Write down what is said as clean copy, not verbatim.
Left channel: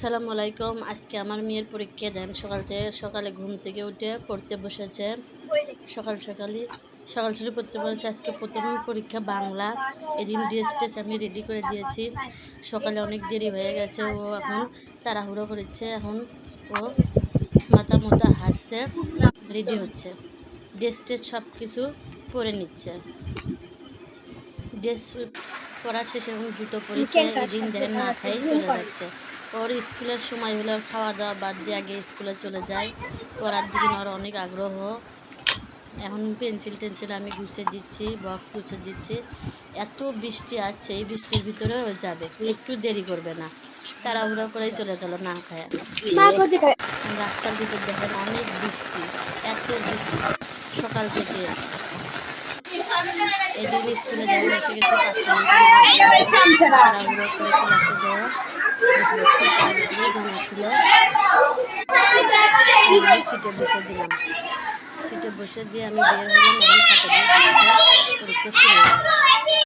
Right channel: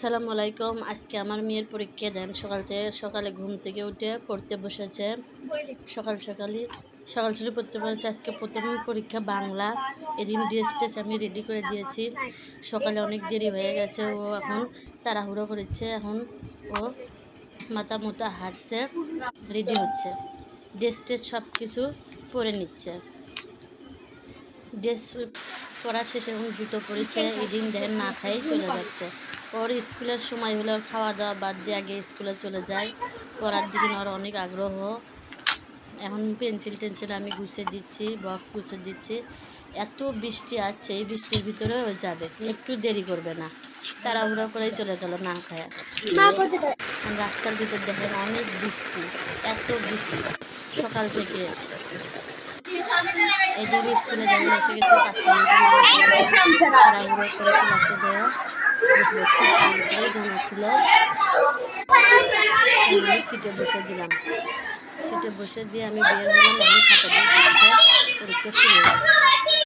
সালামু আলাইকুম। আজকে আমার মেয়ের পরীক্ষা দেন। সকালে ঘুম থেকে উঠে পড়তে বসেছে। সকাল সকালে পড়তে বসেছে। আজকে প্রথম পরীক্ষা বাংলা। এদিন ড্রেস আমি রেডি করে দিয়েছি। সকালে অনেক দেরি হয়ে গেছে, ও এখন তাড়াহুড়ো করেছে। এখন ও মাথা মোতা হাঁটছে, রেডি হচ্ছে, ড্রেস সব কিছু পরে নিচ্ছে। ড্রেস পরা শেষে এখন জুতো পরেছে। এদিন দেখেন না খাই চলে যাচ্ছে। ওর স্কুলের সময় হলে ওর খাওয়া দাওয়া বাদ দিয়ে আগে স্কুলে চলে যায়। পড়ার দিকে ওর অনেক আগ্রহ। এখন পেন্সিল আমি গুছিয়ে দিচ্ছি, বক্স গুছিয়ে দিচ্ছি। এত বৃষ্টি আসছে, এই বৃষ্টির ভিতরে ও যাবে, একটু দেরি করবে না। তাড়াহুড়ো করেই চলে গেল না খায়। রাস্তার ভিতর দেখেন অনেক বৃষ্টি, এত বৃষ্টি সকাল থেকে। এদিন স্কুলে যেমন এসে গেছে 5 মিনিট তাড়াহুড়ো করে ক্লাসে যাওয়া জানা ছিল। সিটে বসে দিলাম, সিটে বসে দিয়ে আমি বের হলাম। এখন খাতা দিয়ে দিচ্ছে, পরীক্ষা শুরু হয়েছে।